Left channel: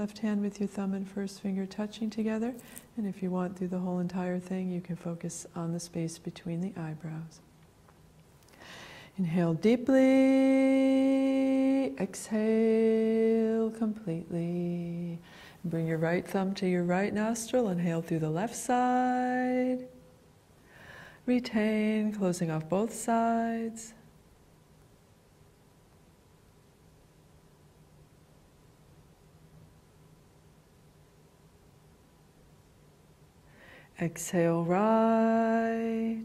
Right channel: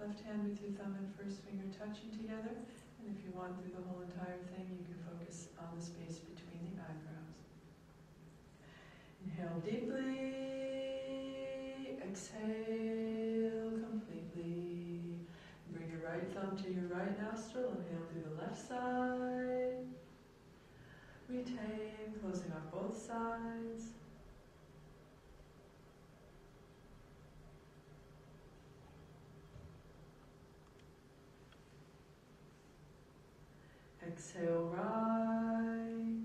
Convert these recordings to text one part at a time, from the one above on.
Left hand with your thumb and first finger touching together. And if you want through the whole entire thing, you can focus on the space between the eyebrows. Inhale deeply, exhale completely. Bring your right thumb to your right nostril, inhale through the left side. Retain, closing off both sides. Exhale right.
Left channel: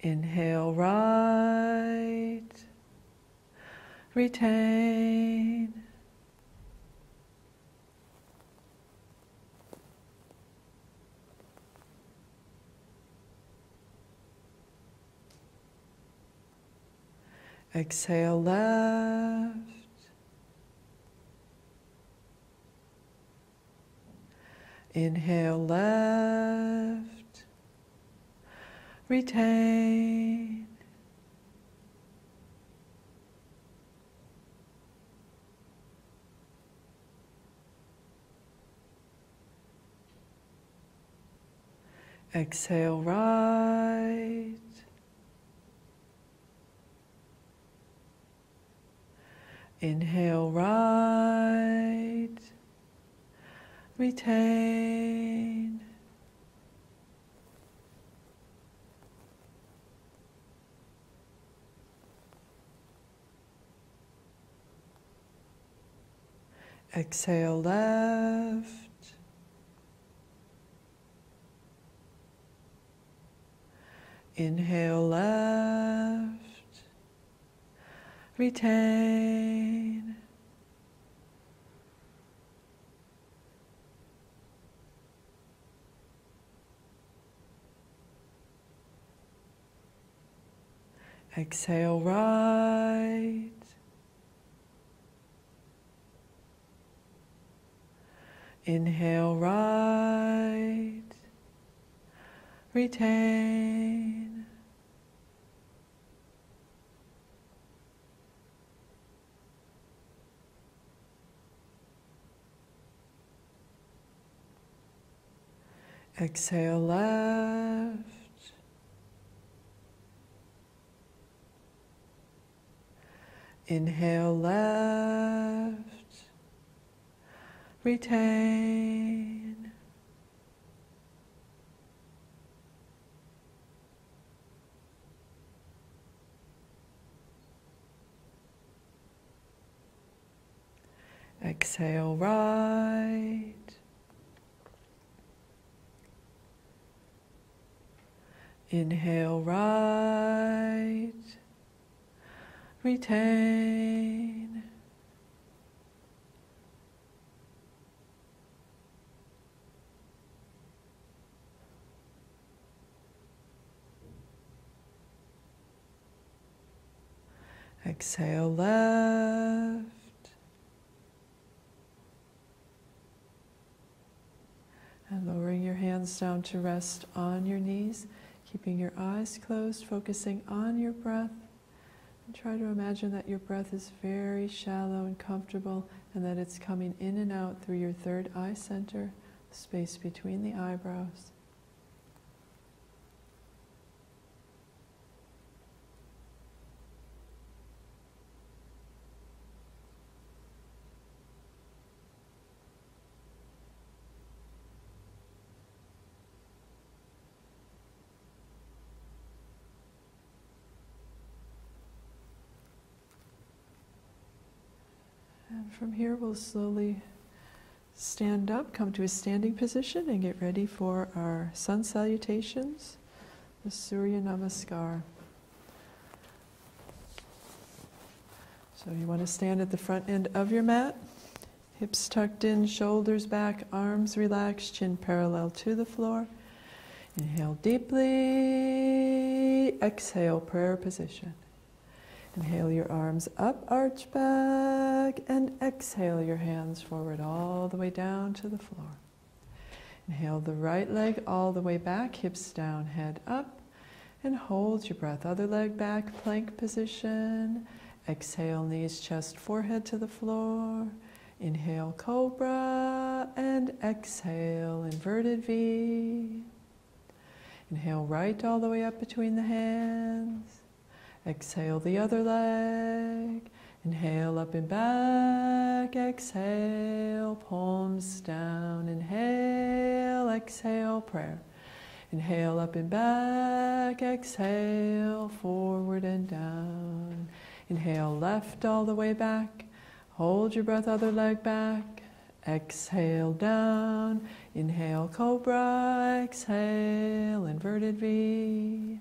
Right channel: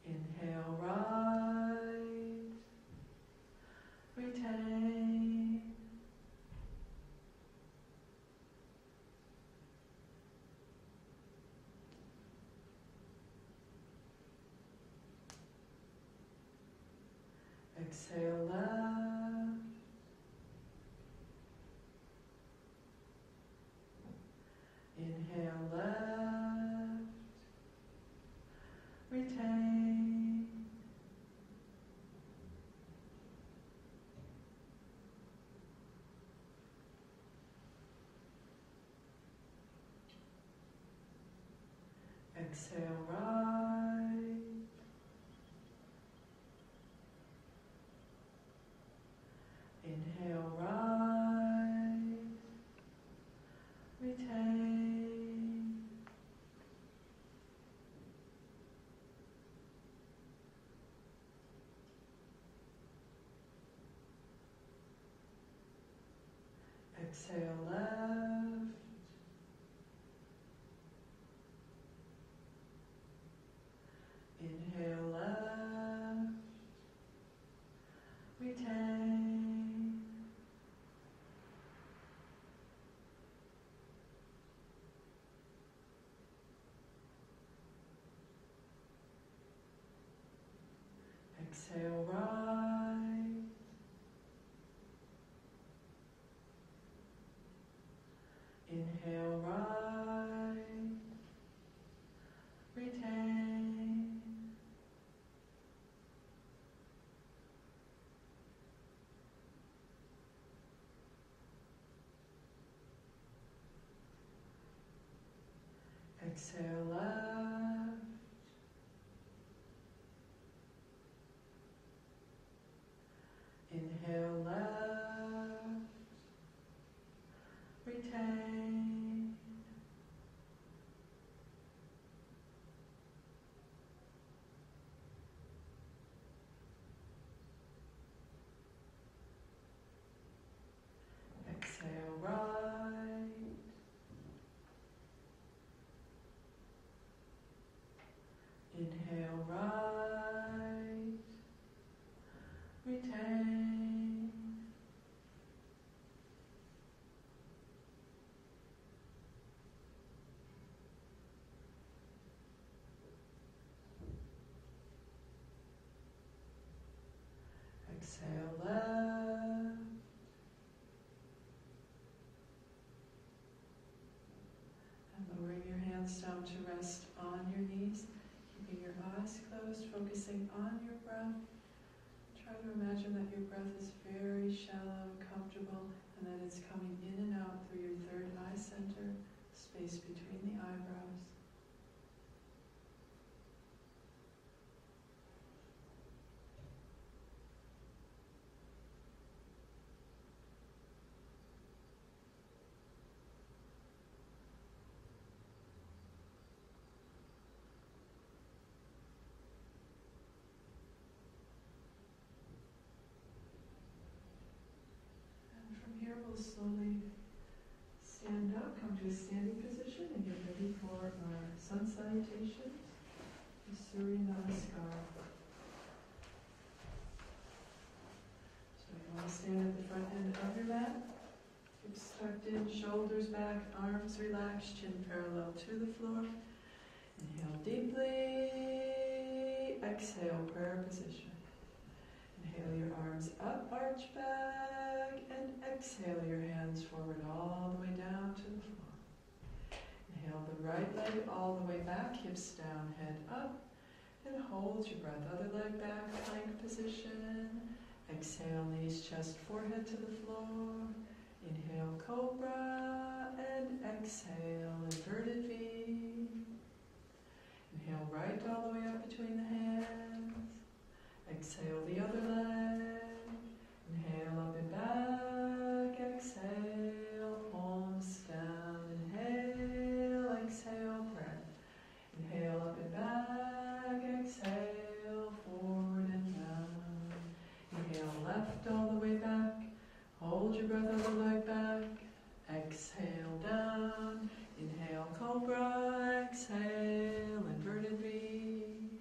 Inhale right. Retain. Exhale left. Inhale left. Retain. Exhale right. Inhale right. Retain. Exhale left. Inhale left. Retain. Exhale right. Inhale right. Retain. Exhale left. Inhale left. Retain. Exhale right. Inhale right. Retain. Exhale left. And lowering your hands down to rest on your knees, keeping your eyes closed, focusing on your breath. And try to imagine that your breath is very shallow and comfortable, and that it's coming in and out through your third eye center, space between the eyebrows. And from here we'll slowly stand up, come to a standing position, and get ready for our sun salutations, the Surya Namaskar. So you want to stand at the front end of your mat, hips tucked in, shoulders back, arms relaxed, chin parallel to the floor. Inhale deeply, exhale, prayer position. Inhale your arms up, arch back, and exhale your hands forward all the way down to the floor. Inhale the right leg all the way back, hips down, head up, and hold your breath. Other leg back, plank position. Exhale, knees, chest, forehead to the floor. Inhale, cobra, and exhale, inverted V. Inhale, right all the way up between the hands. Exhale, the other leg. Inhale, up and back. Exhale, palms down. Inhale, exhale, prayer. Inhale, up and back. Exhale, forward and down. Inhale, left all the way back. Hold your breath, other leg back. Exhale, down. Inhale, cobra. Exhale, inverted V.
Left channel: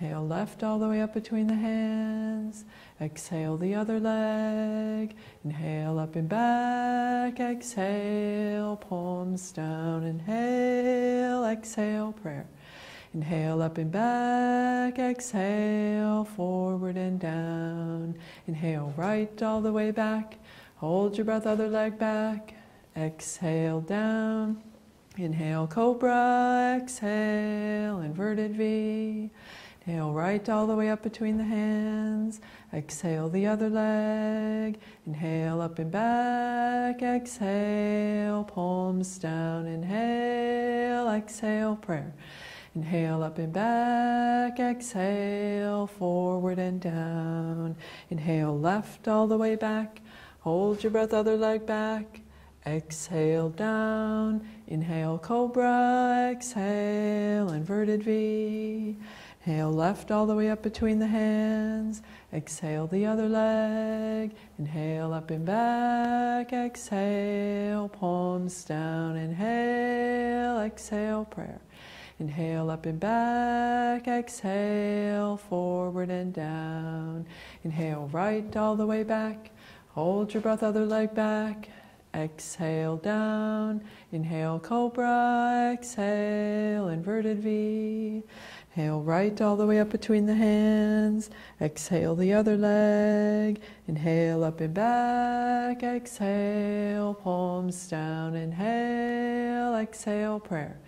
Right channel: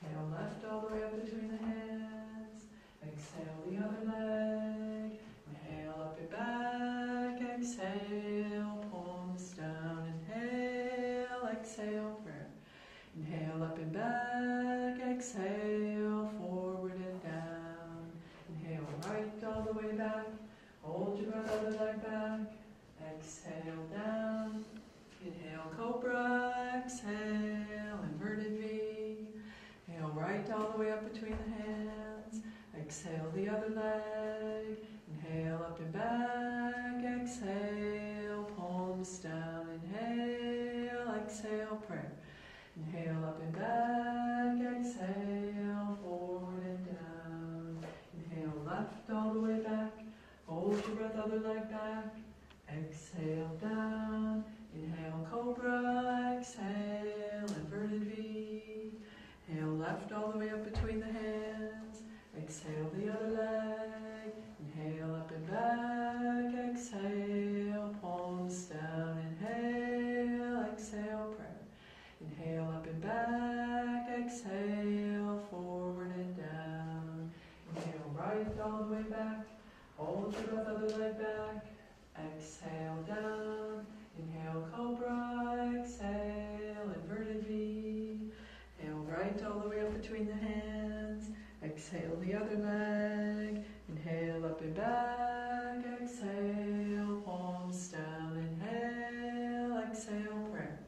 Inhale, left all the way up between the hands. Exhale, the other leg. Inhale, up and back. Exhale, palms down. Inhale, exhale, prayer. Inhale, up and back. Exhale, forward and down. Inhale, right all the way back. Hold your breath, other leg back. Exhale, down. Inhale, cobra. Exhale, inverted V. Inhale, right all the way up between the hands. Exhale, the other leg. Inhale, up and back. Exhale, palms down. Inhale, exhale, prayer. Inhale, up and back. Exhale, forward and down. Inhale, left all the way back. Hold your breath, other leg back. Exhale, down. Inhale, cobra. Exhale, inverted V. Inhale, left all the way up between the hands. Exhale, the other leg. Inhale, up and back. Exhale, palms down. Inhale, exhale, prayer. Inhale, up and back. Exhale, forward and down. Inhale, right all the way back. Hold your breath, other leg back. Exhale, down. Inhale, cobra. Exhale, inverted V. Inhale, right all the way up between the hands. Exhale, the other leg. Inhale, up and back. Exhale, palms down. Inhale, exhale, prayer.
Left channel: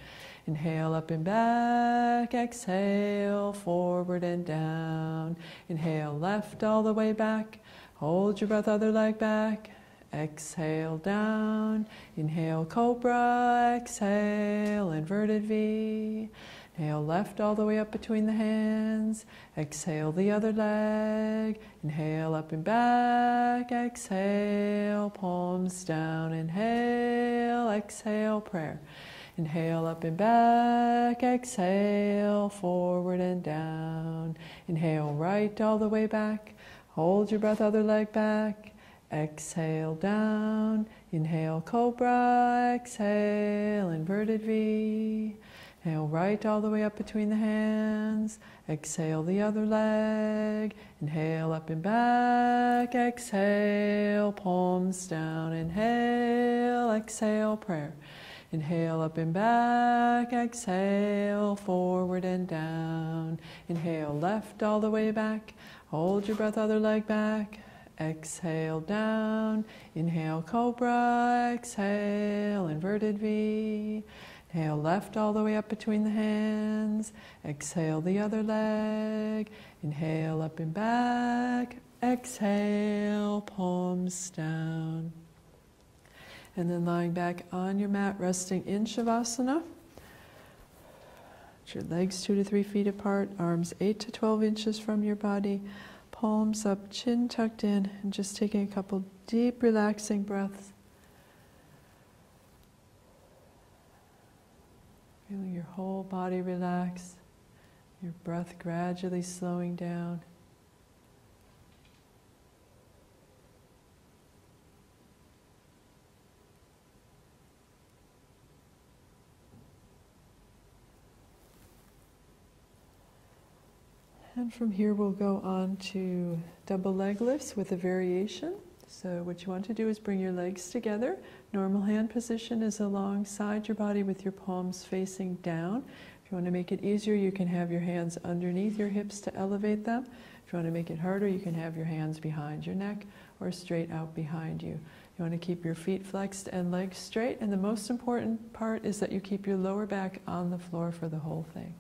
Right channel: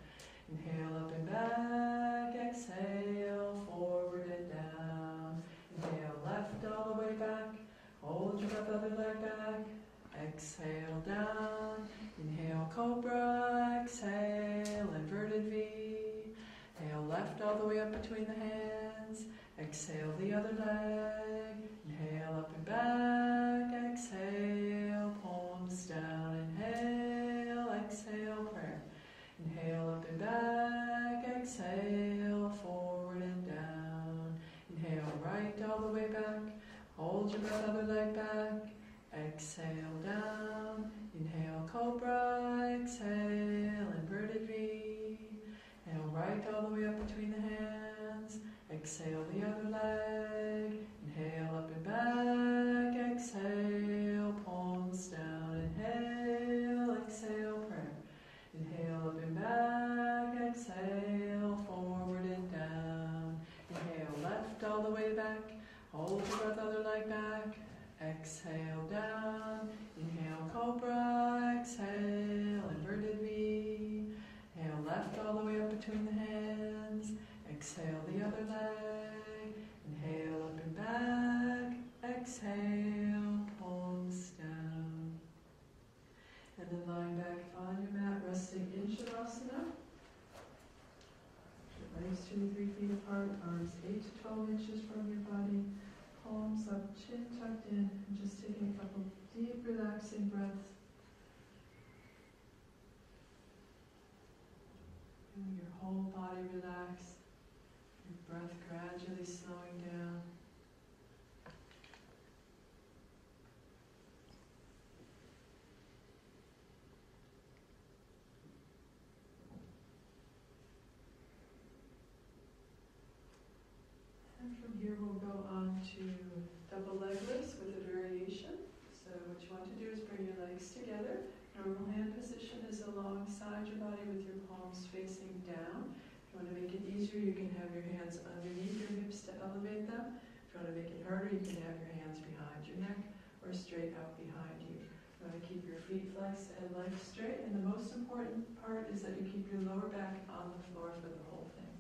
Inhale, up and back. Exhale, forward and down. Inhale, left all the way back. Hold your breath, other leg back. Exhale, down. Inhale, cobra. Exhale, inverted V. Inhale, left all the way up between the hands. Exhale, the other leg. Inhale, up and back. Exhale, palms down. Inhale, exhale, prayer. Inhale, up and back. Exhale, forward and down. Inhale, right all the way back. Hold your breath, other leg back. Exhale, down. Inhale, cobra. Exhale, inverted V. Inhale, right all the way up between the hands. Exhale, the other leg. Inhale, up and back. Exhale, palms down. Inhale, exhale, prayer. Inhale, up and back. Exhale, forward and down. Inhale, left all the way back. Hold your breath, other leg back. Exhale, down. Inhale, cobra. Exhale, inverted V. Inhale, left all the way up between the hands. Exhale, the other leg. Inhale, up and back. Exhale, palms down. And then lying back on your mat, resting in Shavasana. Your legs 2 to 3 feet apart, arms 8 to 12 inches from your body, palms up, chin tucked in, and just taking a couple deep, relaxing breaths. Feeling your whole body relax, your breath gradually slowing down. And from here we'll go on to double leg lifts with a variation. So what you want to do is bring your legs together. Normal hand position is alongside your body with your palms facing down. If you want to make it easier, you can have your hands underneath your hips to elevate them. If you want to make it harder, you can have your hands behind your neck or straight out behind you. You want to keep your feet flexed and legs straight, and the most important part is that you keep your lower back on the floor for the whole thing.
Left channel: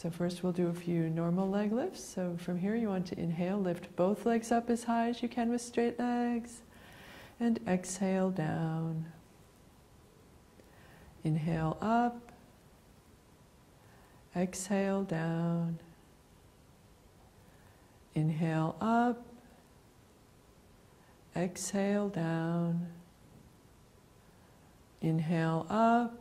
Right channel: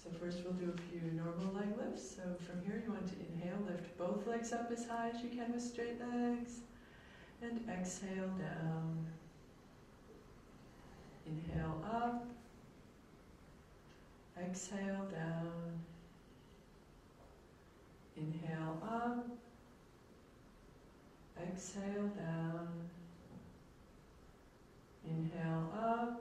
So first we'll do a few normal leg lifts. So from here you want to inhale, lift both legs up as high as you can with straight legs, and exhale down. Inhale up, exhale down. Inhale up, exhale down. Inhale up,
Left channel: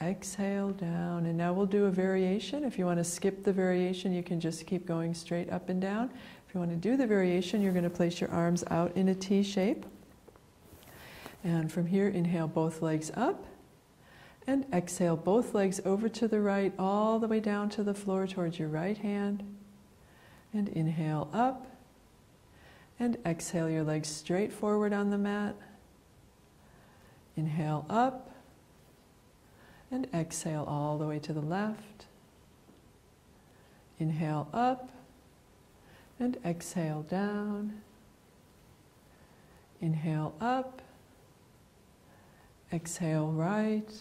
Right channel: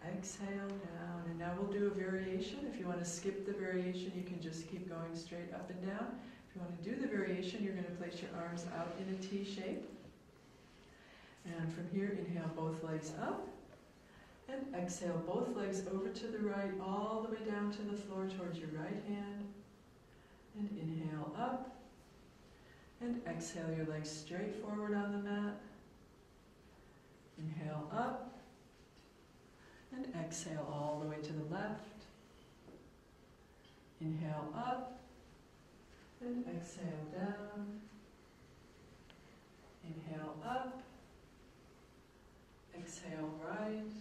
exhale down. And now we'll do a variation. If you want to skip the variation, you can just keep going straight up and down. If you want to do the variation, you're going to place your arms out in a T shape. And from here, inhale both legs up, and exhale both legs over to the right, all the way down to the floor towards your right hand. And inhale up, and exhale your legs straight forward on the mat. Inhale up, and exhale all the way to the left. Inhale up, and exhale down. Inhale up, exhale right.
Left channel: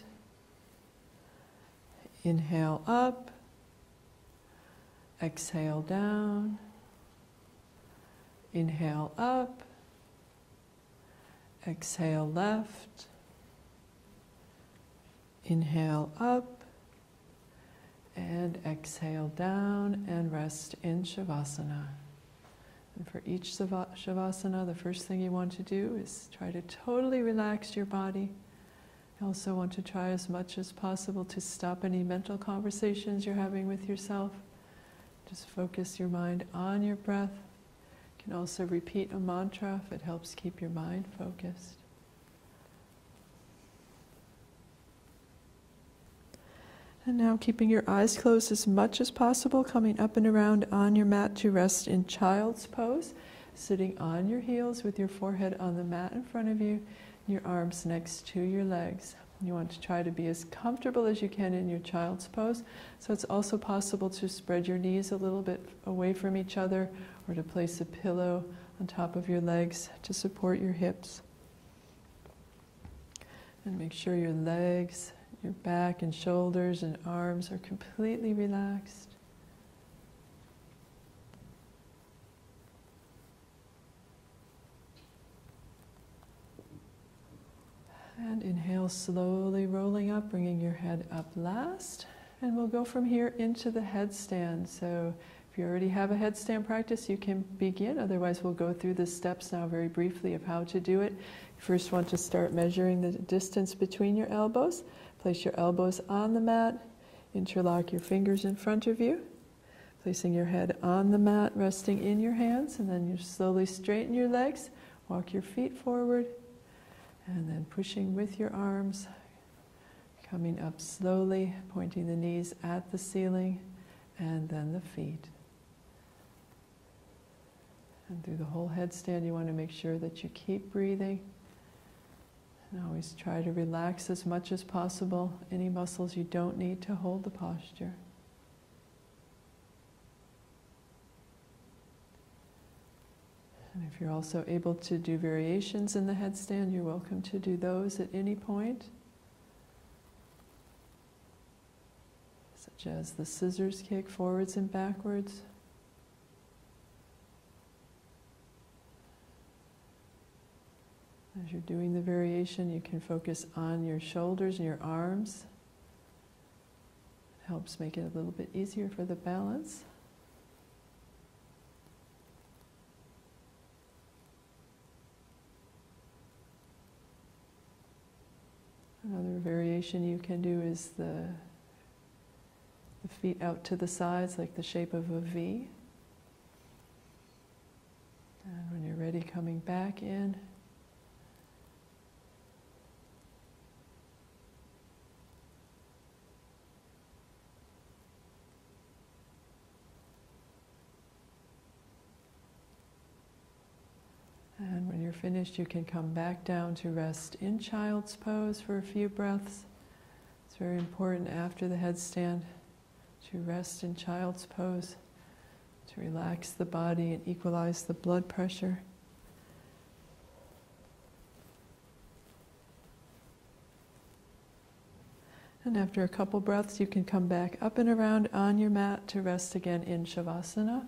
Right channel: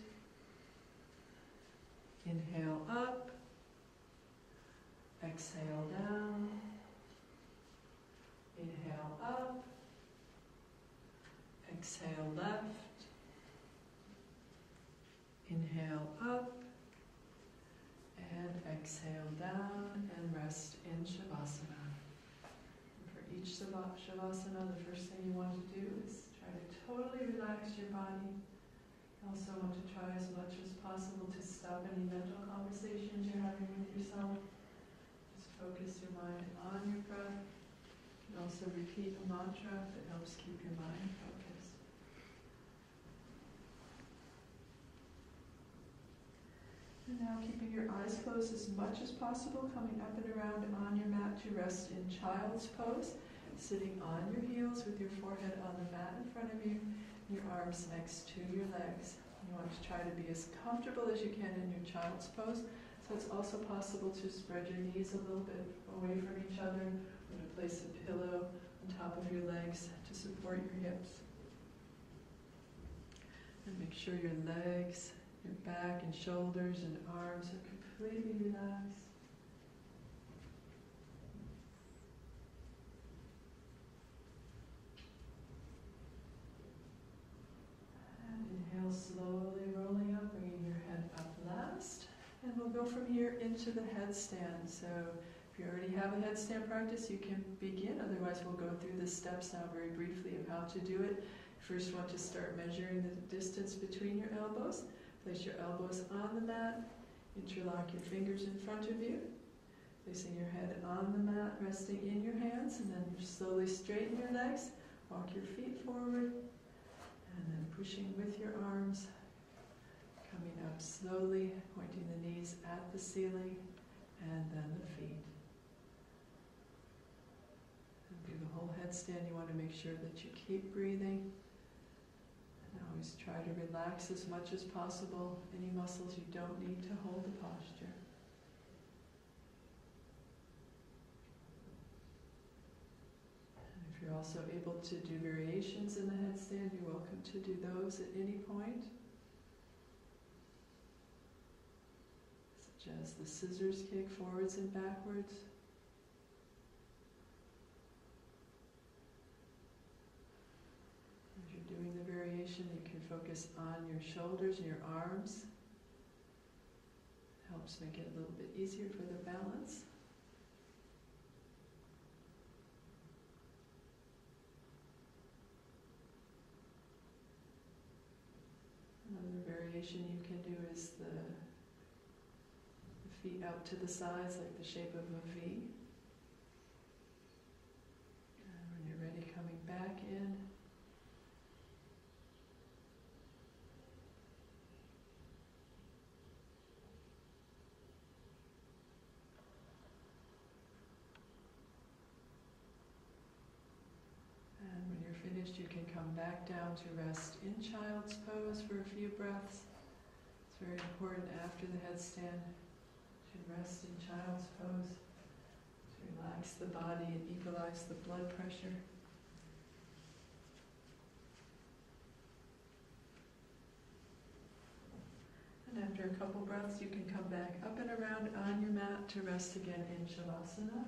Inhale up, exhale down. Inhale up, exhale left. Inhale up, and exhale down, and rest in Shavasana. And for each Shavasana, the first thing you want to do is try to totally relax your body. You also want to try as much as possible to stop any mental conversations you're having with yourself. Just focus your mind on your breath. You can also repeat a mantra if it helps keep your mind focused. And now keeping your eyes closed as much as possible, coming up and around on your mat to rest in child's pose, sitting on your heels with your forehead on the mat in front of you, and your arms next to your legs. You want to try to be as comfortable as you can in your child's pose, so it's also possible to spread your knees a little bit away from each other, or to place a pillow on top of your legs to support your hips. And make sure your legs, your back and shoulders and arms are completely relaxed. And inhale, slowly rolling up, bringing your head up last. And we'll go from here into the headstand. So if you already have a headstand practice, you can begin. Otherwise, we'll go through the steps now very briefly of how to do it. First, want to start measuring the distance between your elbows. Place your elbows on the mat, interlock your fingers in front of you, placing your head on the mat, resting in your hands, and then you slowly straighten your legs, walk your feet forward, and then pushing with your arms, coming up slowly, pointing the knees at the ceiling, and then the feet. And through the whole headstand, you want to make sure that you keep breathing. And always try to relax as much as possible any muscles you don't need to hold the posture. And if you're also able to do variations in the headstand, you're welcome to do those at any point, such as the scissors kick forwards and backwards. As you're doing the variation, you can focus on your shoulders and your arms. It helps make it a little bit easier for the balance. Another variation you can do is the feet out to the sides, like the shape of a V. And when you're ready, coming back in. And when you're finished, you can come back down to rest in child's pose for a few breaths. It's very important after the headstand to rest in child's pose, to relax the body and equalize the blood pressure. And after a couple breaths, you can come back up and around on your mat to rest again in Shavasana.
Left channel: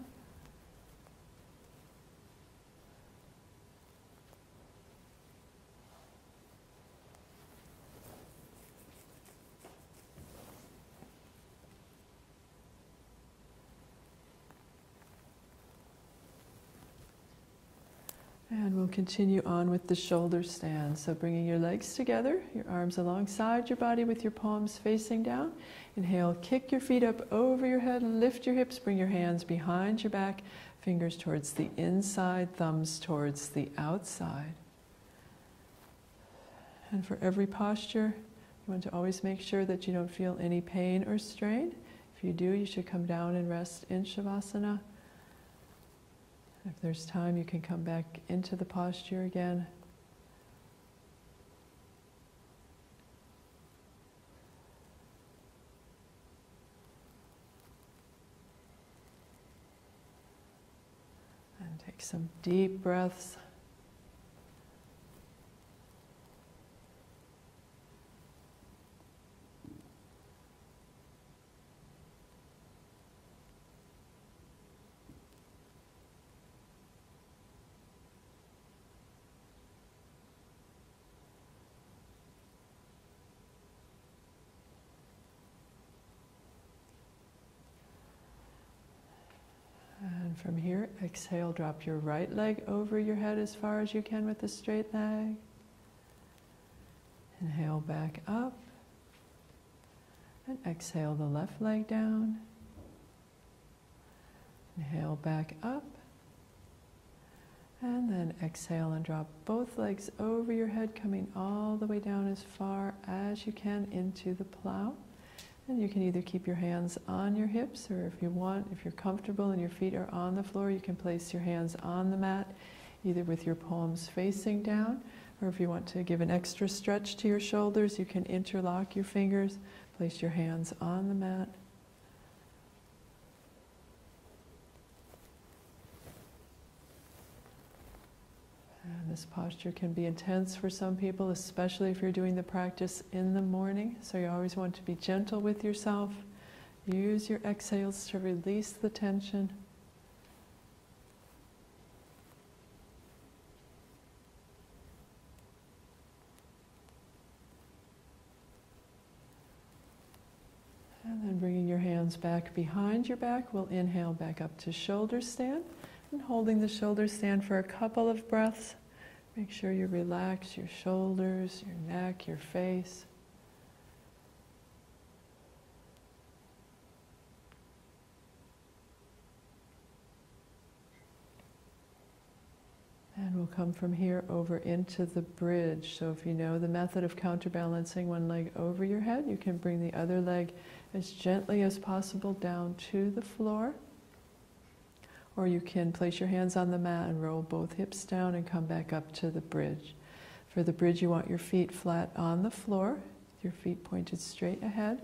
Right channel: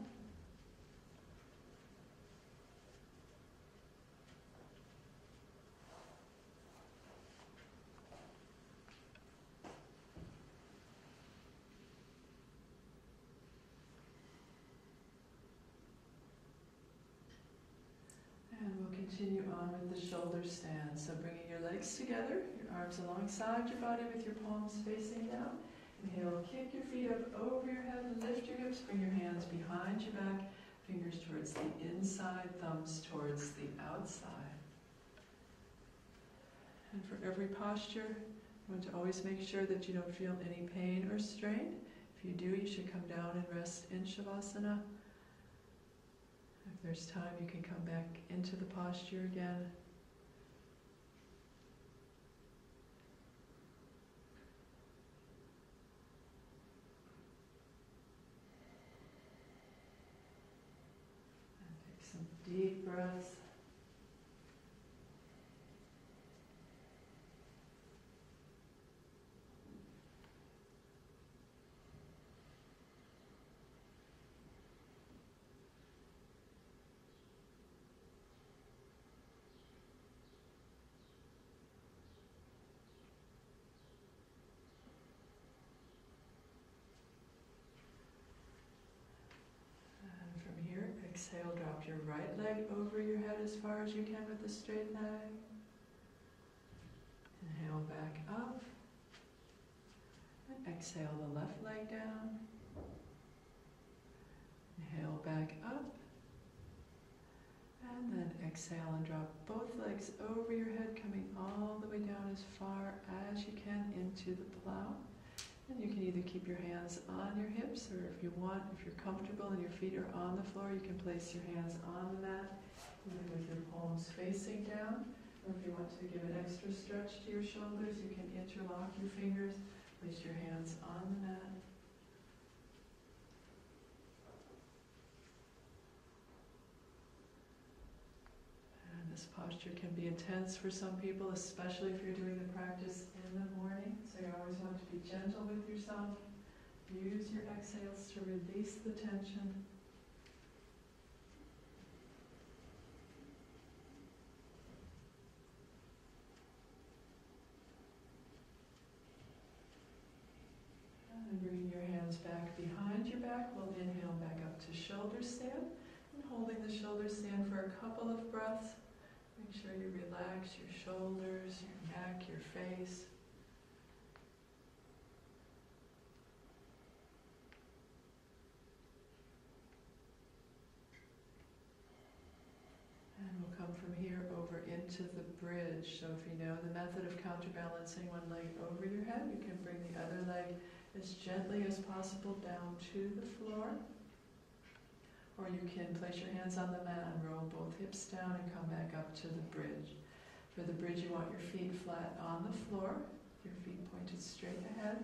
And we'll continue on with the shoulder stand. So bringing your legs together, your arms alongside your body with your palms facing down. Inhale, kick your feet up over your head, lift your hips, bring your hands behind your back, fingers towards the inside, thumbs towards the outside. And for every posture, you want to always make sure that you don't feel any pain or strain. If you do, you should come down and rest in Shavasana. If there's time, you can come back into the posture again. And take some deep breaths. And from here, exhale, drop your right leg over your head as far as you can with a straight leg. Inhale back up. And exhale the left leg down. Inhale back up. And then exhale and drop both legs over your head, coming all the way down as far as you can into the plow. And you can either keep your hands on your hips, or if you want, if you're comfortable and your feet are on the floor, you can place your hands on the mat, either with your palms facing down, or if you want to give an extra stretch to your shoulders, you can interlock your fingers, place your hands on the mat. This posture can be intense for some people, especially if you're doing the practice in the morning. So you always want to be gentle with yourself. Use your exhales to release the tension. And then bringing your hands back behind your back, we'll inhale back up to shoulder stand. And holding the shoulder stand for a couple of breaths. Make sure you relax your shoulders, your neck, your face. And we'll come from here over into the bridge. So if you know the method of counterbalancing one leg over your head, you can bring the other leg as gently as possible down to the floor. Or you can place your hands on the mat and roll both hips down and come back up to the bridge. For the bridge, you want your feet flat on the floor, your feet pointed straight ahead.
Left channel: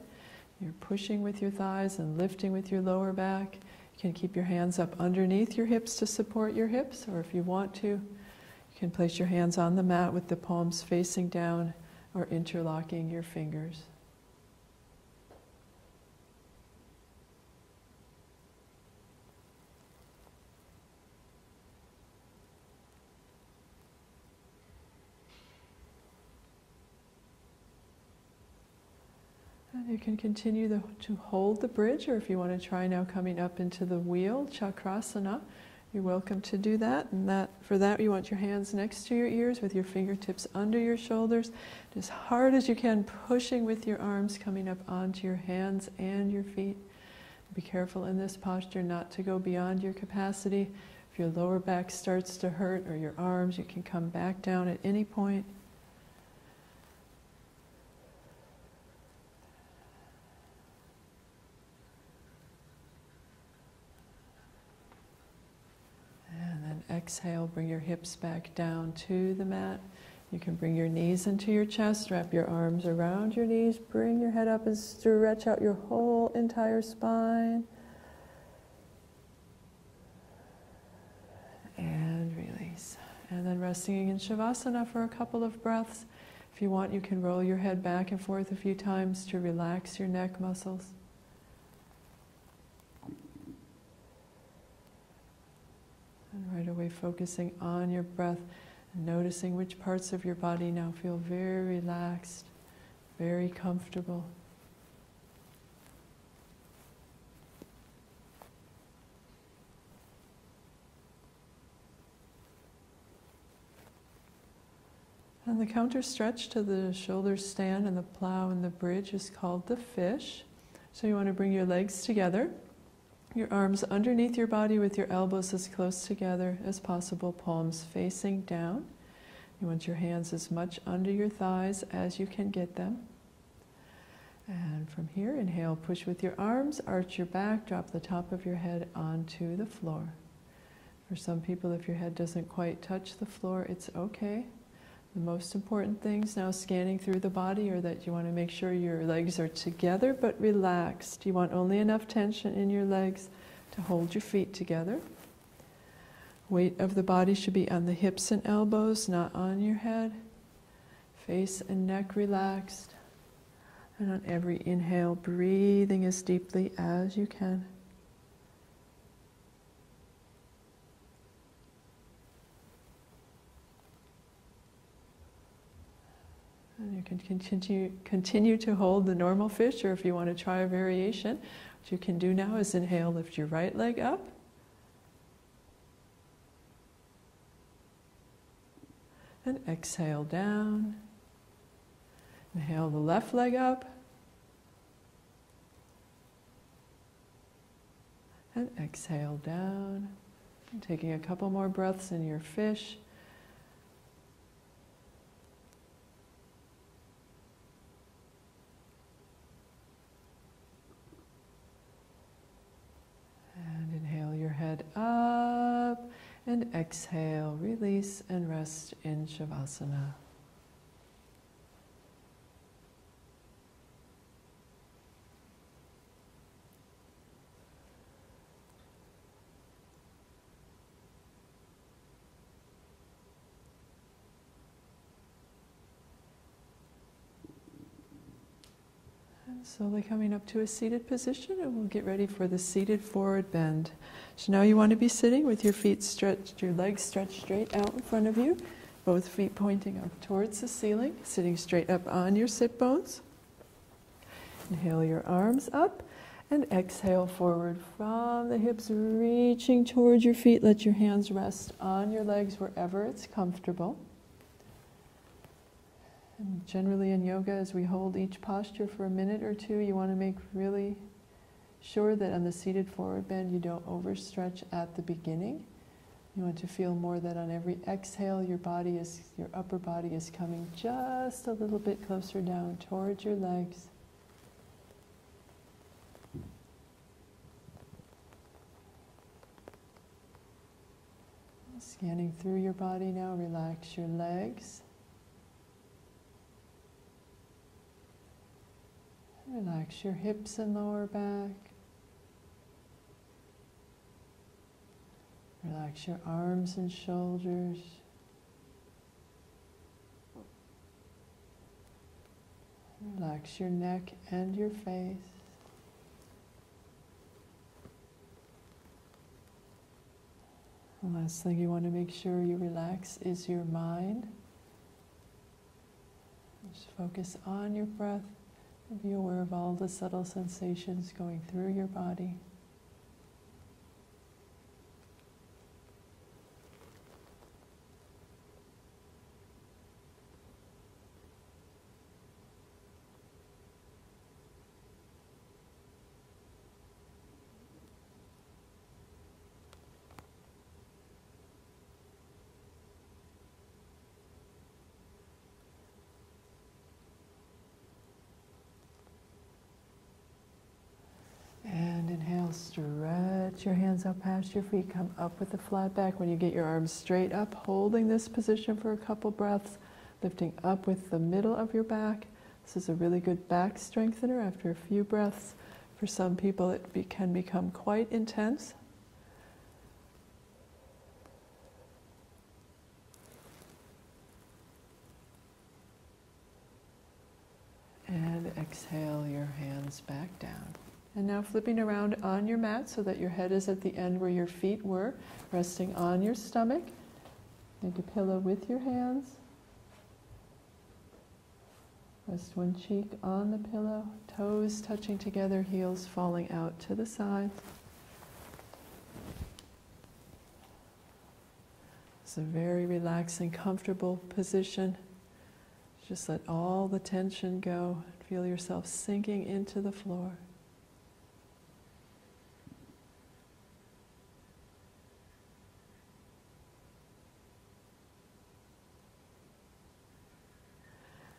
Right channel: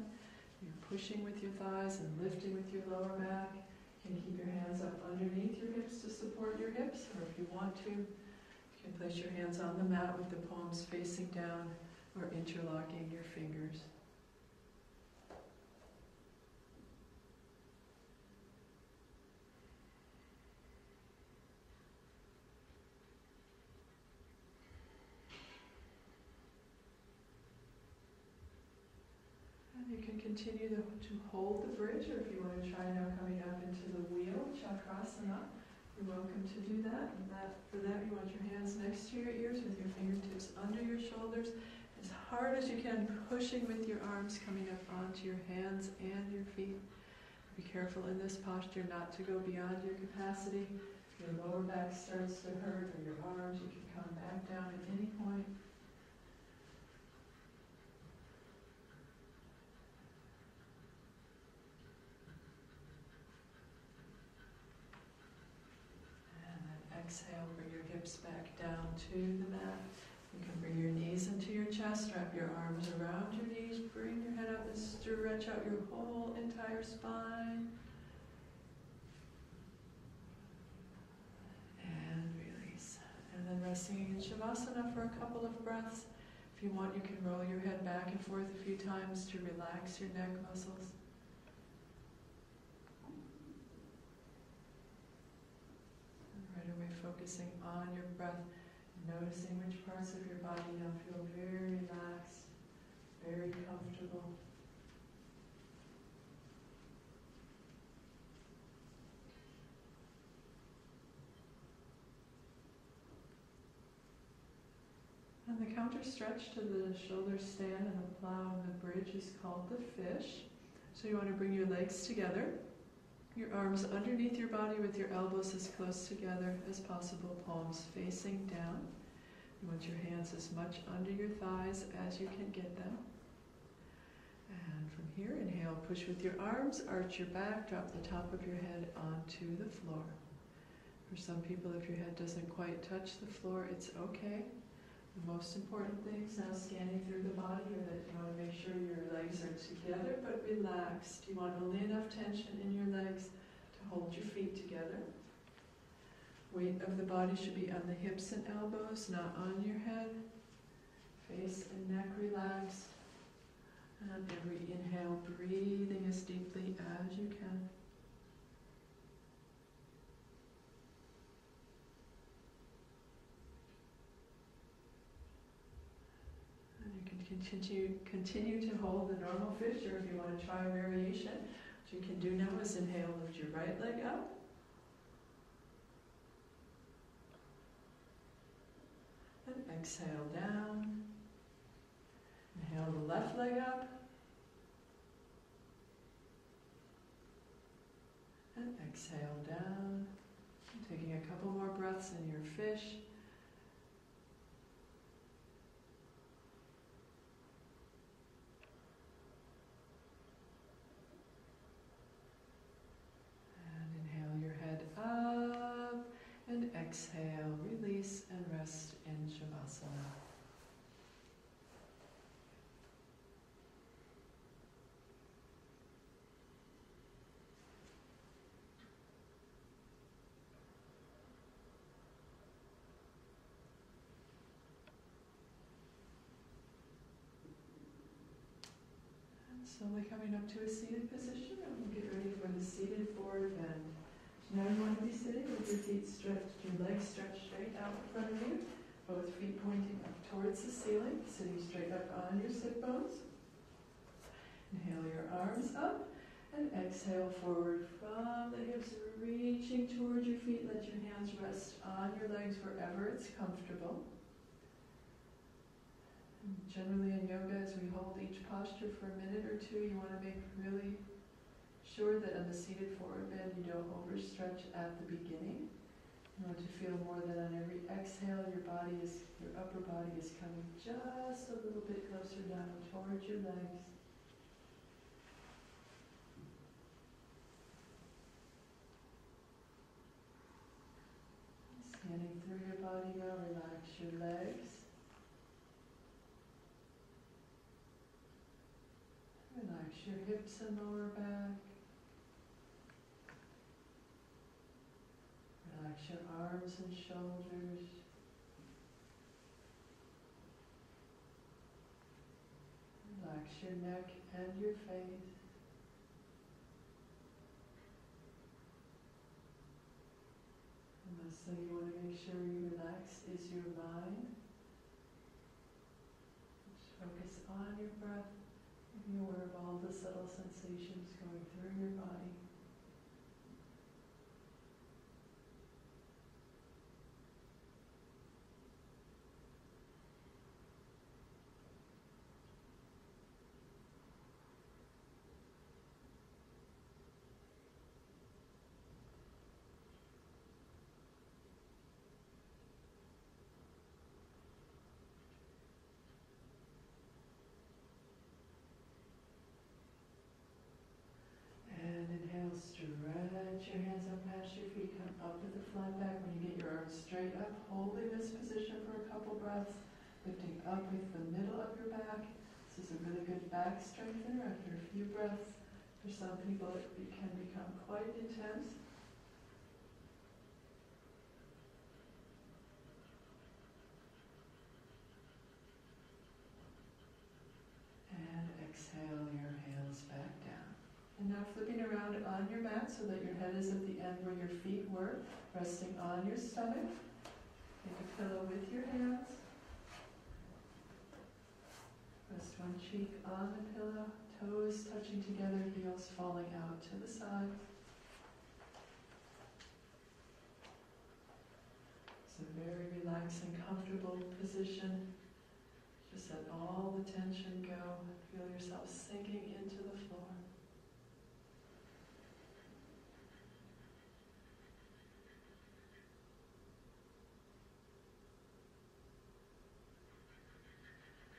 You're pushing with your thighs and lifting with your lower back. You can keep your hands up underneath your hips to support your hips, or if you want to, you can place your hands on the mat with the palms facing down or interlocking your fingers. You can continue to hold the bridge, or if you want to try now coming up into the wheel, Chakrasana, you're welcome to do that. And for that, you want your hands next to your ears with your fingertips under your shoulders, as hard as you can, pushing with your arms coming up onto your hands and your feet. Be careful in this posture not to go beyond your capacity. If your lower back starts to hurt, or your arms, you can come back down at any point. Exhale, bring your hips back down to the mat. You can bring your knees into your chest, wrap your arms around your knees, bring your head up and stretch out your whole entire spine. And release. And then resting in Shavasana for a couple of breaths. If you want, you can roll your head back and forth a few times to relax your neck muscles. And right away focusing on your breath and noticing which parts of your body now feel very relaxed, very comfortable. And the counter stretch to the shoulders stand and the plow and the bridge is called the fish. So you want to bring your legs together, your arms underneath your body with your elbows as close together as possible, palms facing down. You want your hands as much under your thighs as you can get them. And from here, inhale, push with your arms, arch your back, drop the top of your head onto the floor. For some people, if your head doesn't quite touch the floor, it's okay. The most important things now scanning through the body are that you want to make sure your legs are together but relaxed. You want only enough tension in your legs to hold your feet together. Weight of the body should be on the hips and elbows, not on your head. Face and neck relaxed. And on every inhale, breathing as deeply as you can. And you can continue to hold the normal fish, or if you want to try a variation, what you can do now is inhale, lift your right leg up. And exhale down. Inhale the left leg up. And exhale down. And taking a couple more breaths in your fish. Head up and exhale, release and rest in Shavasana. And slowly coming up to a seated position, and we'll get ready for the seated forward bend. So now you want to be sitting with your feet stretched, your legs stretched straight out in front of you, both feet pointing up towards the ceiling, sitting straight up on your sit bones. Inhale your arms up and exhale forward from the hips, reaching towards your feet. Let your hands rest on your legs wherever it's comfortable. And generally in yoga, as we hold each posture for a minute or two, you want to make really sure that on the seated forward bend you don't overstretch at the beginning. You want to feel more that on every exhale your upper body is coming just a little bit closer down towards your legs. Scanning through your body now, relax your legs. Relax your hips and lower back. Relax your arms and shoulders. Relax your neck and your face. The last thing you want to make sure you relax is your mind. Just focus on your breath. Be aware of all the subtle sensations going through your body. Stretch your hands up past your feet, come up with a flat back. When you get your arms straight up, holding this position for a couple breaths, lifting up with the middle of your back. This is a really good back strengthener after a few breaths. For some people it can become quite intense. exhale your hands back down. And now flipping around on your mat so that your head is at the end where your feet were, resting on your stomach. Make a pillow with your hands. Rest one cheek on the pillow, toes touching together, heels falling out to the side. It's a very relaxing, comfortable position. Just let all the tension go. Feel yourself sinking into the floor.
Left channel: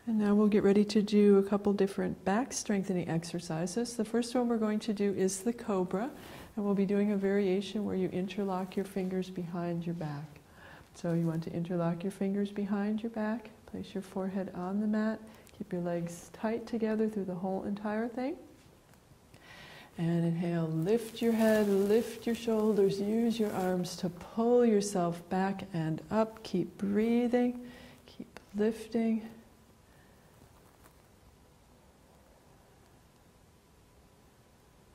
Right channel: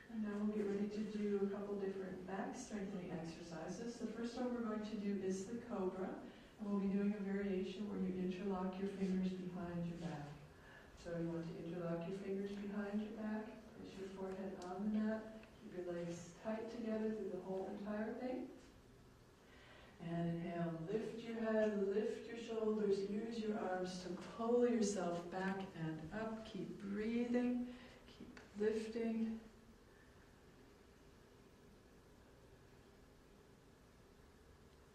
And now we'll get ready to do a couple different back strengthening exercises. The first one we're going to do is the cobra, and we'll be doing a variation where you interlock your fingers behind your back. So you want to interlock your fingers behind your back, place your forehead on the mat, keep your legs tight together through the whole entire thing. And inhale, lift your head, lift your shoulders, use your arms to pull yourself back and up. Keep breathing, keep lifting.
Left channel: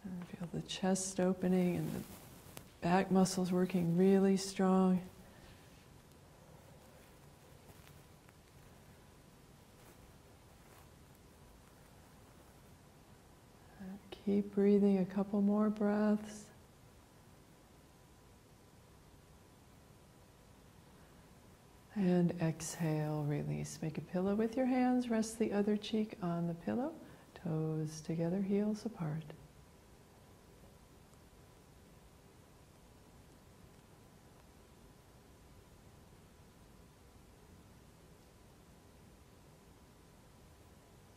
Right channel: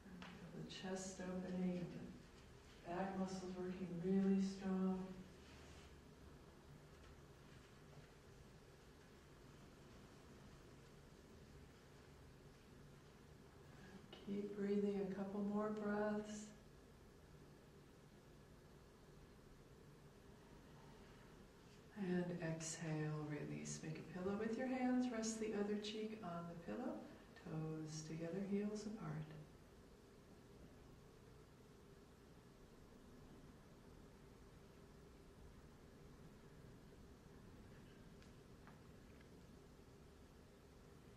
Feel the chest opening and the back muscles working really strong. Keep breathing a couple more breaths. And exhale, release. Make a pillow with your hands. Rest the other cheek on the pillow. Toes together, heels apart.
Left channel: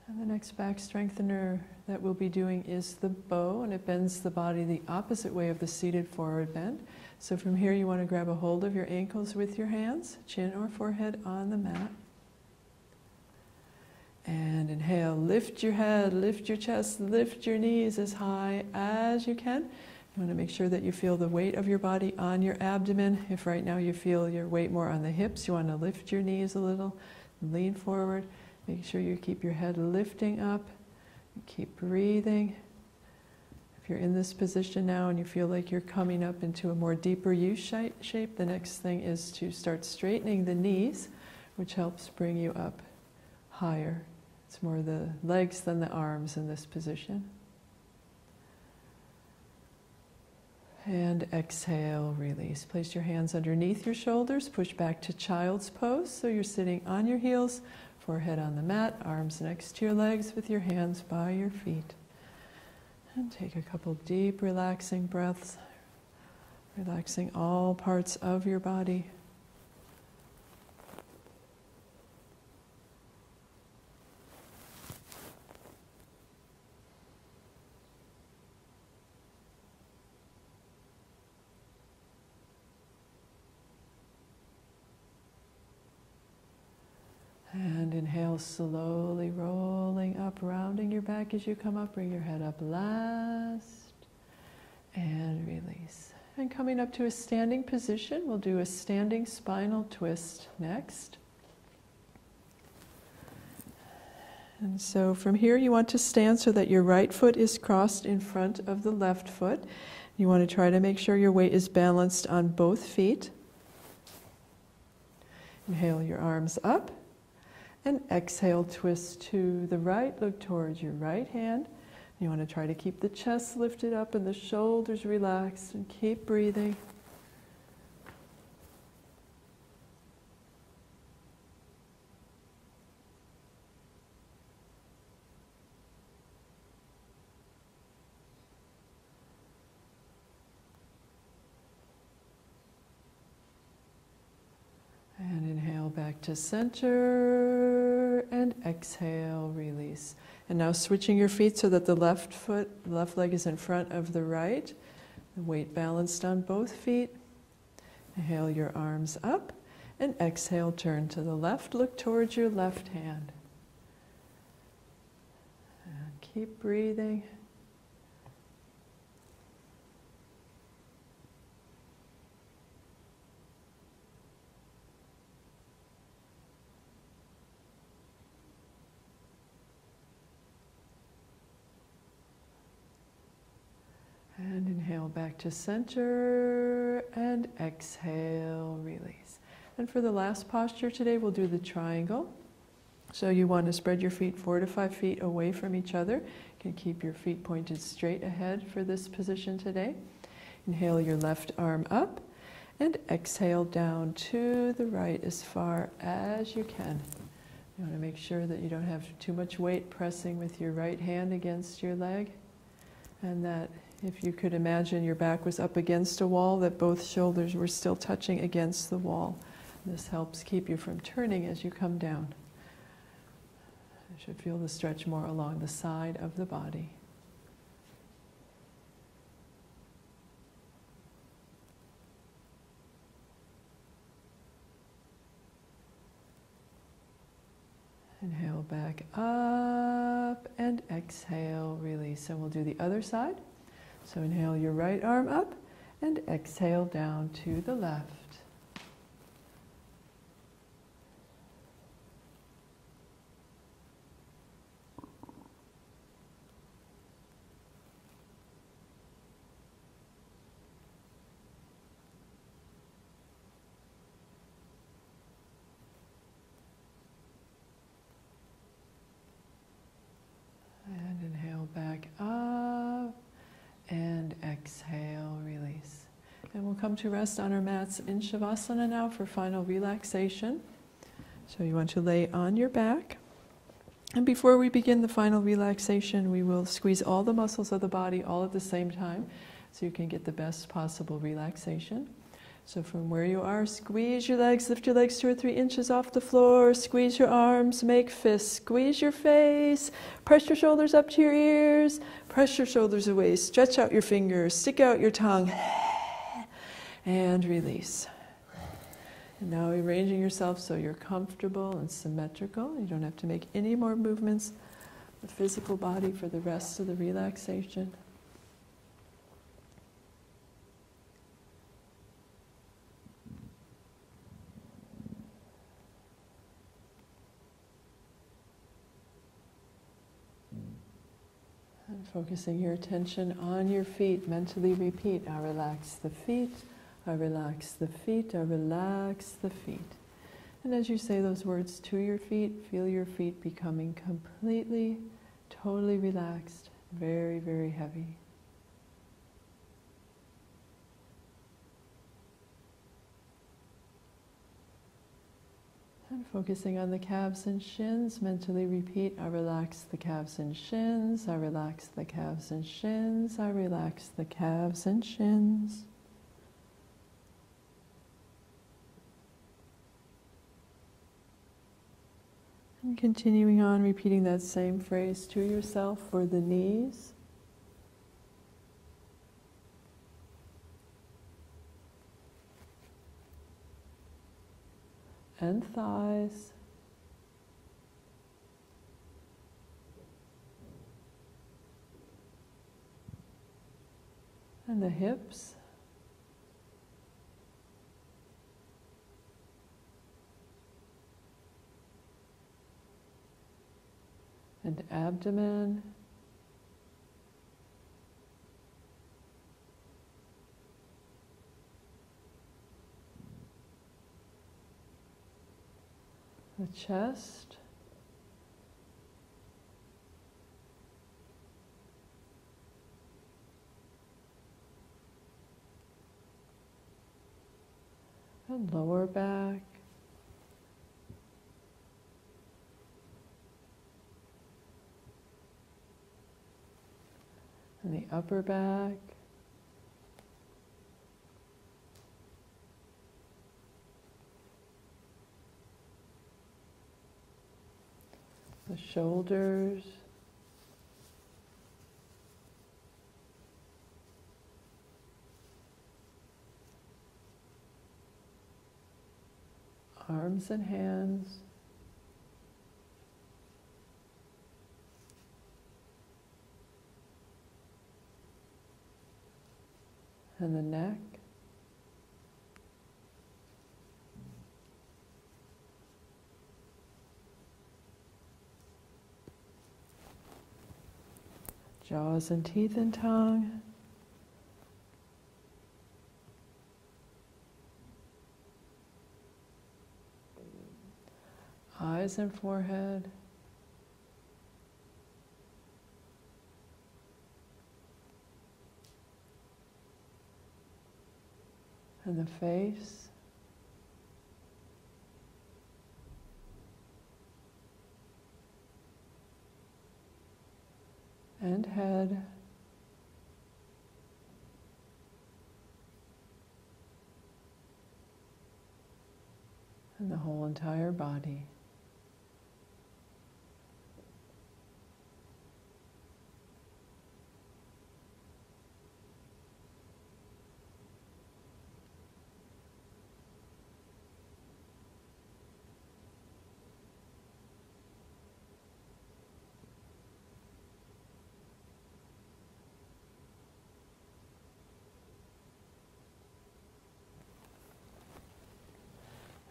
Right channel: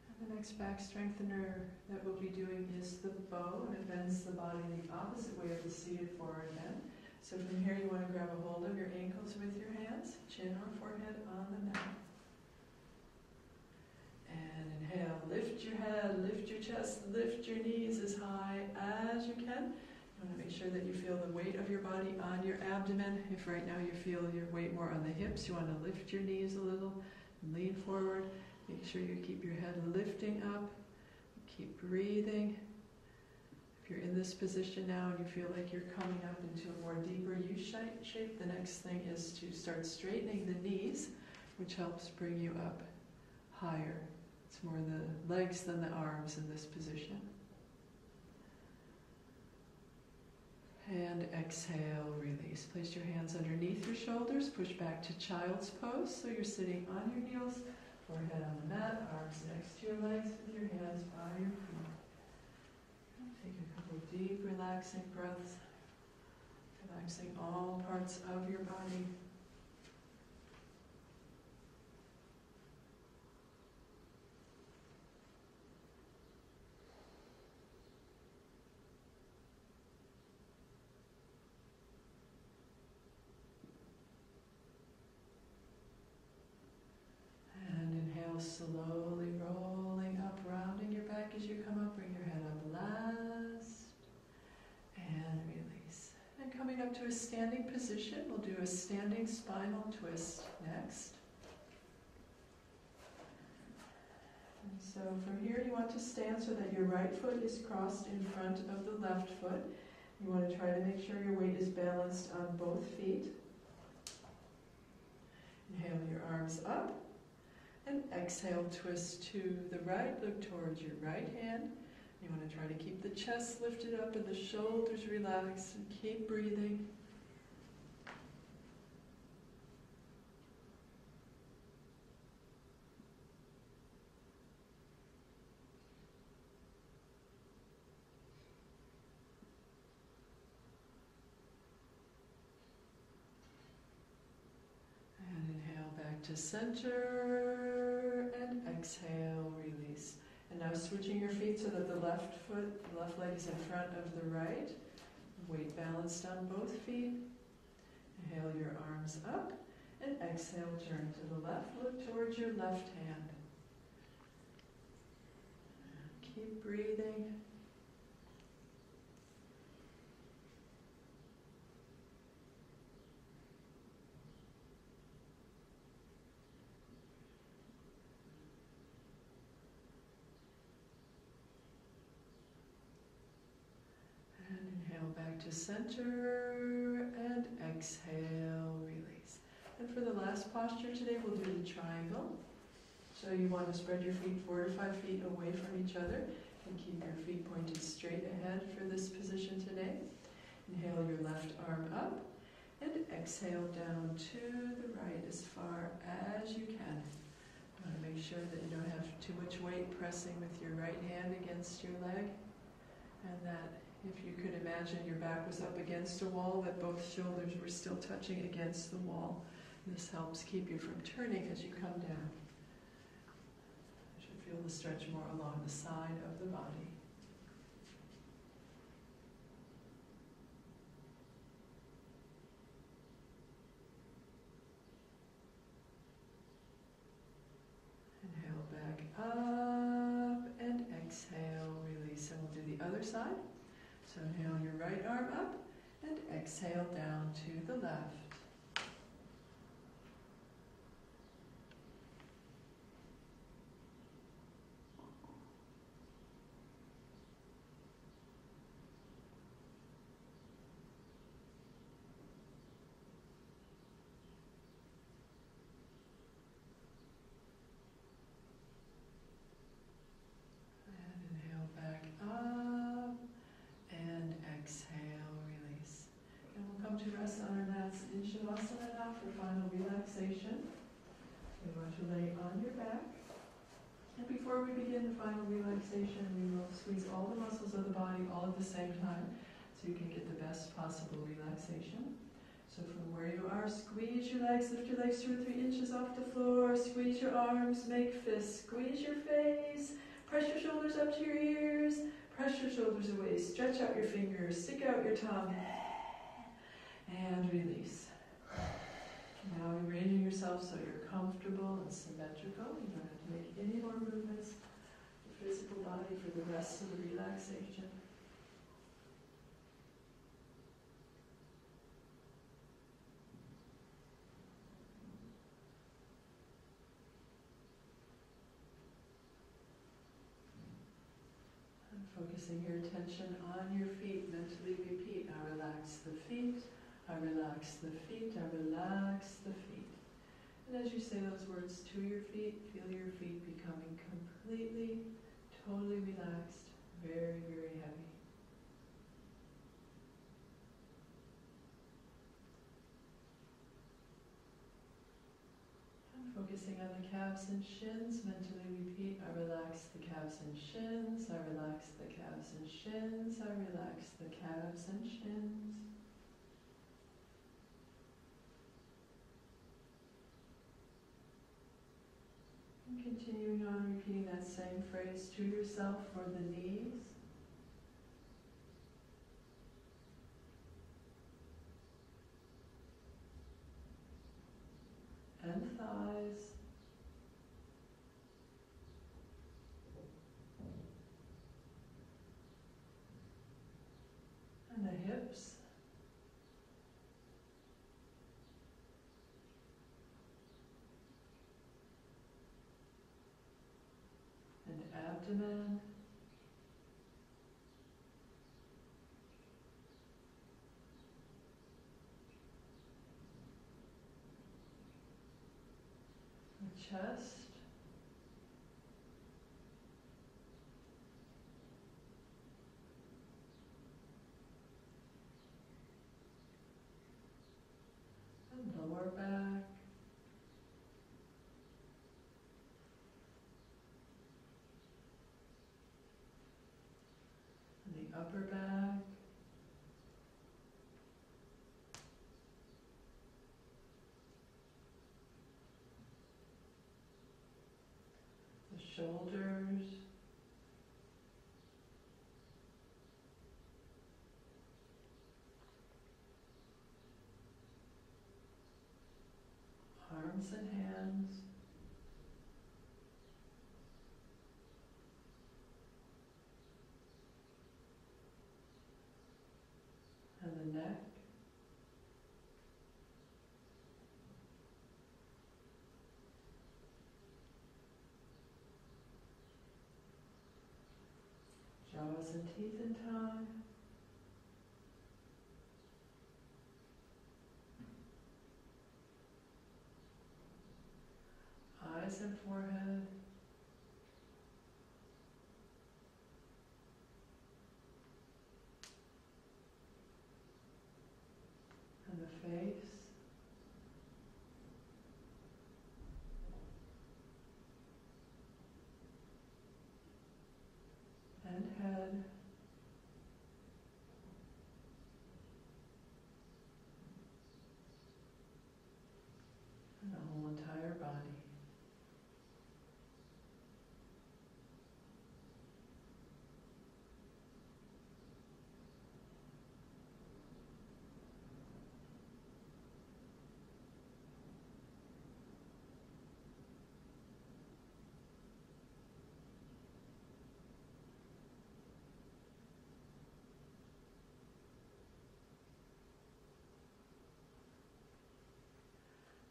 And the next back strengthener that we'll be doing is the bow, and it bends the body the opposite way of the seated forward bend. So from here you want to grab a hold of your ankles with your hands, chin or forehead on the mat. And inhale, lift your head, lift your chest, lift your knees as high as you can. You want to make sure that you feel the weight of your body on your abdomen. If right now you feel your weight more on the hips, you want to lift your knees a little, lean forward. Make sure you keep your head lifting up. Keep breathing. If you're in this position now and you feel like you're coming up into a more deeper U shape, the next thing is to start straightening the knees, which helps bring you up higher. It's more the legs than the arms in this position. And exhale, release. Place your hands underneath your shoulders. Push back to child's pose. So you're sitting on your heels, forehead on the mat, arms next to your legs with your hands by your feet. And take a couple deep, relaxing breaths, relaxing all parts of your body. And inhale, slowly rolling up, rounding your back as you come up. Bring your head up last. And release. And coming up to a standing position, we'll do a standing spinal twist next. And so from here you want to stand so that your right foot is crossed in front of the left foot. You want to try to make sure your weight is balanced on both feet. Inhale your arms up. And exhale, twist to the right, look towards your right hand. You want to try to keep the chest lifted up and the shoulders relaxed, and keep breathing. And inhale back to center, and exhale, release. And now switching your feet so that the left leg is in front of the right. The weight balanced on both feet. Inhale your arms up, and exhale, turn to the left, look towards your left hand. And keep breathing. back to center and exhale, release. And for the last posture today, we'll do the triangle. So you want to spread your feet 4 to 5 feet away from each other. You can keep your feet pointed straight ahead for this position today. Inhale your left arm up and exhale down to the right as far as you can. You want to make sure that you don't have too much weight pressing with your right hand against your leg, and that if you could imagine your back was up against a wall, that both shoulders were still touching against the wall. This helps keep you from turning as you come down. You should feel the stretch more along the side of the body. Inhale back up and exhale, release. And we'll do the other side. So inhale your right arm up and exhale down to the left. And inhale back up and exhale, release. And we'll come to rest on our mats in Shavasana now for final relaxation. So you want to lay on your back. And before we begin the final relaxation, we will squeeze all the muscles of the body all at the same time so you can get the best possible relaxation. So from where you are, squeeze your legs, lift your legs 2 or 3 inches off the floor, squeeze your arms, make fists, squeeze your face, press your shoulders up to your ears, press your shoulders away, stretch out your fingers, stick out your tongue, and release. And now arranging yourself so you're comfortable and symmetrical. You don't have to make any more movements with the physical body for the rest of the relaxation. Focusing your attention on your feet, mentally repeat, I relax the feet, I relax the feet, I relax the feet. And as you say those words to your feet, feel your feet becoming completely, totally relaxed, very, very heavy. And focusing on the calves and shins, mentally repeat, I relax the calves and shins, I relax the calves and shins, I relax the calves and shins. And continuing on, repeating that same phrase to yourself for the knees. And thighs, and the hips, and abdomen, the chest, and lower back, and the upper back, the shoulders, arms and hands, and the neck, jaws and teeth and tongue, eyes and forehead, and the face, and head, and the whole entire body.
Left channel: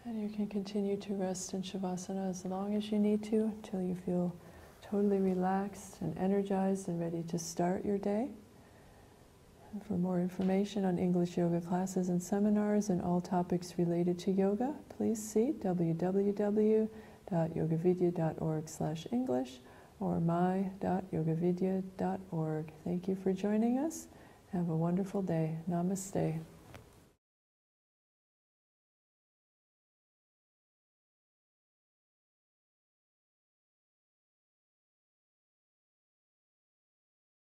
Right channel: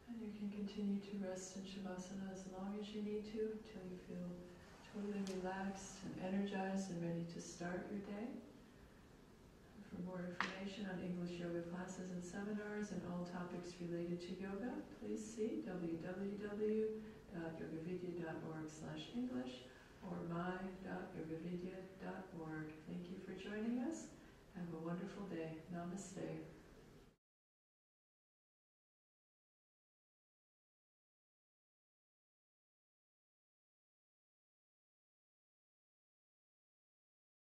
And you can continue to rest in Shavasana as long as you need to, till you feel totally relaxed and energized and ready to start your day. And for more information on English yoga classes and seminars and all topics related to yoga, please see www.yoga-vidya.org/English or my.yogavidya.org. Thank you for joining us. Have a wonderful day. Namaste.